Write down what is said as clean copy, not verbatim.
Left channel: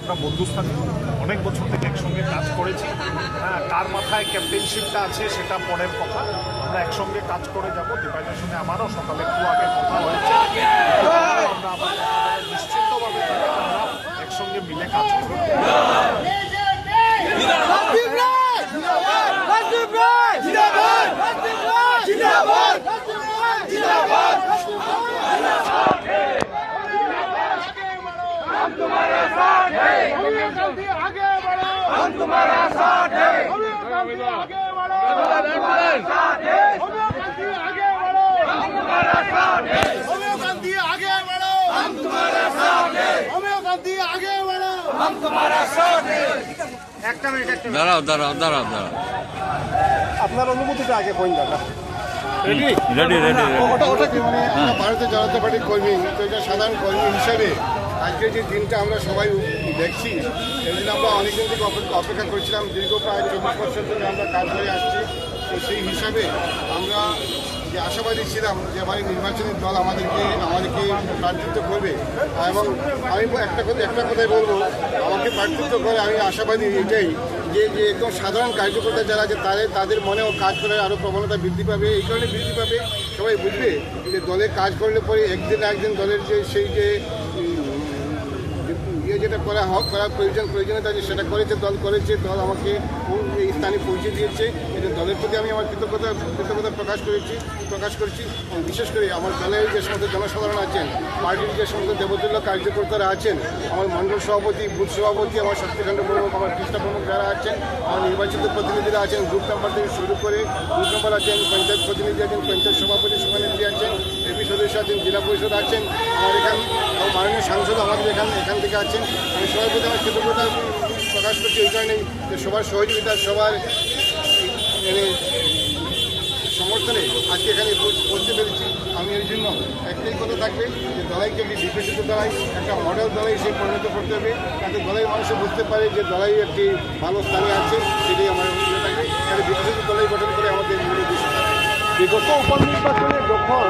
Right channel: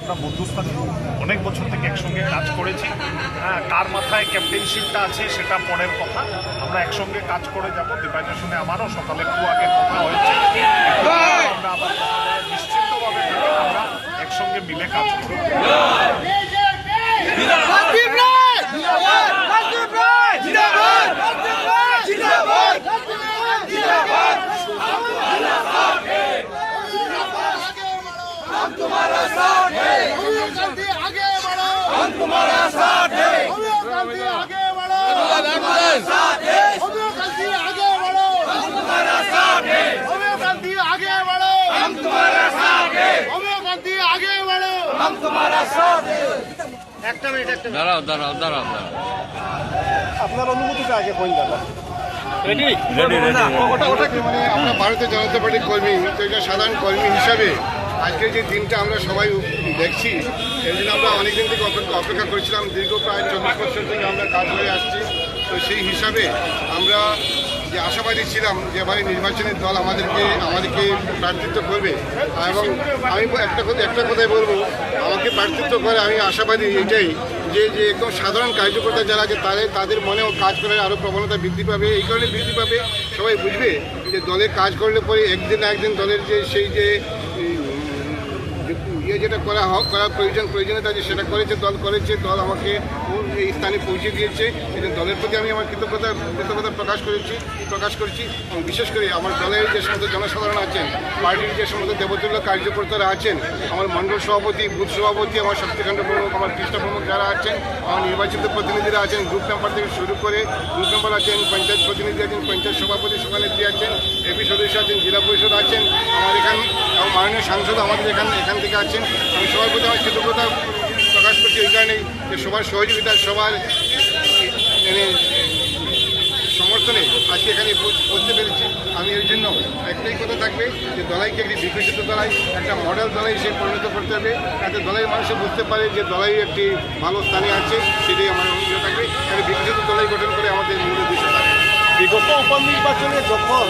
আমরা বন্ধুস্থান অনেক বছর থেকে একসঙ্গে কাজ করেছি। কার মাথায় ক্যাপ্টেনশিপটা আছে সেটা পরের কথা। আমরা একসঙ্গে কাজ করে যাব। ডিভাইডের সঙ্গে আমারও সকালে একটু আগে কথা হয়েছে। আমরা আবার নিশ্চিন্তভাবে থাকেন, আমরা একসঙ্গে মিলে কাজ করি। हम तुम्हारा साथ है, गांधी आगे बढ़ो, हम तुम्हारा साथ है, गांधी आगे बढ़ो, तुम्हारा साथ है, गांधी आगे बढ़ो, हम तुम्हारा साथ है, गांधी आगे बढ़ो, हम तुम्हारा साथ है, गांधी आगे बढ़ो, हम तुम्हारा साथ है। একটা মিনিট দাঁড়াও আপনার অনুমতিটা আগে কোন জায়গা মানে আমরা ভারতীয় জনতা পার্টির কর্মী, তো এটা সাধারণ কর্মী হিসাবে আজকে যে দিনটা আমরা সবাই দেখছি, এর জন্য আমরা অনেকদিন থেকে অপেক্ষা করেছিলাম। দীর্ঘ প্রায় 24 বছর থেকে আমরা কাজ করে আসছি। তো সেই হিসাবে আমরা যে আশাবাদী ছিলাম যে এবারে নির্বাচনের দল আমাদেরকে প্রার্থিত্ব করবে, এবং আমি একটা কথাই বলবো, আমাকে প্রার্থিত্ব করে আমি আশাবাদী এটাই যে একদম সাধারণ কার্যকর্তা যারা আছে তাদের মনেও কাজ করার আরও প্রবণতা বৃদ্ধি পাবে। এই কারণে বৃদ্ধি পাবে, সবাই বুঝবে যে দলে কাজ করলে পরে একদিন না একদিন দলের যে সেই যে যেটা করার প্রয়োজনীয়তা আছে সেটা দল দল আমাকে এই স্থানে পৌঁছে দিয়েছে। এই দলের প্রতি আমি আমার কৃতজ্ঞতা প্রকাশ করছি এবং বিশেষ করে আমার দলের যে সমস্ত জনসাধারণ আছেন, পার্টির যে সমস্ত দেবতুল্য কার্যকর্তারা আছেন, আমার মণ্ডল সভাপতি, বুথ সভাপতি, আমার শক্তিখণ্ড প্রমুখ, আমার কৃষ্ণ প্রমুখ যারা আছেন, আমার নির্বাচিত প্রতিনিধিরা আছেন, গ্রুপ মেম্বার থেকে শুরু করে গ্রুপ মেম্বার আছেন, পঞ্চায়েত প্রতিনিধি আছেন, পঞ্চায়েত সভাপতি সভানেত্রী আছেন, এপি সদস্য আছেন, জেলা পরিষদ আছেন, আমার এখানে এবং মাননীয় সাংসদ আমাদের এখান থেকে আছেন। আমি সবার প্রতি আমার কৃতজ্ঞতা প্রকাশ করছি এই কারণেই যে সবার সহযোগিতা, সবার সমর্থনে আজকে এখানে পৌঁছতে পেরেছি। আমি এর জন্য একটাই কথা থাকবে যে দলাইকে একটি বিকশিত দলাই, একটা মডেল দলাই হিসেবে পরিণত করতে হবে, যাতে দলের মানুষ বুঝতে পারে যে দলাই একটি ভালো স্থানে আছে। সেটাই আমার ইয়ে থাকবে, তাহলে বিকশিত দলাই গঠন করে আমাদের মূল উদ্দেশ্য থাকবে। বিগত উপনির্বাচনে যখন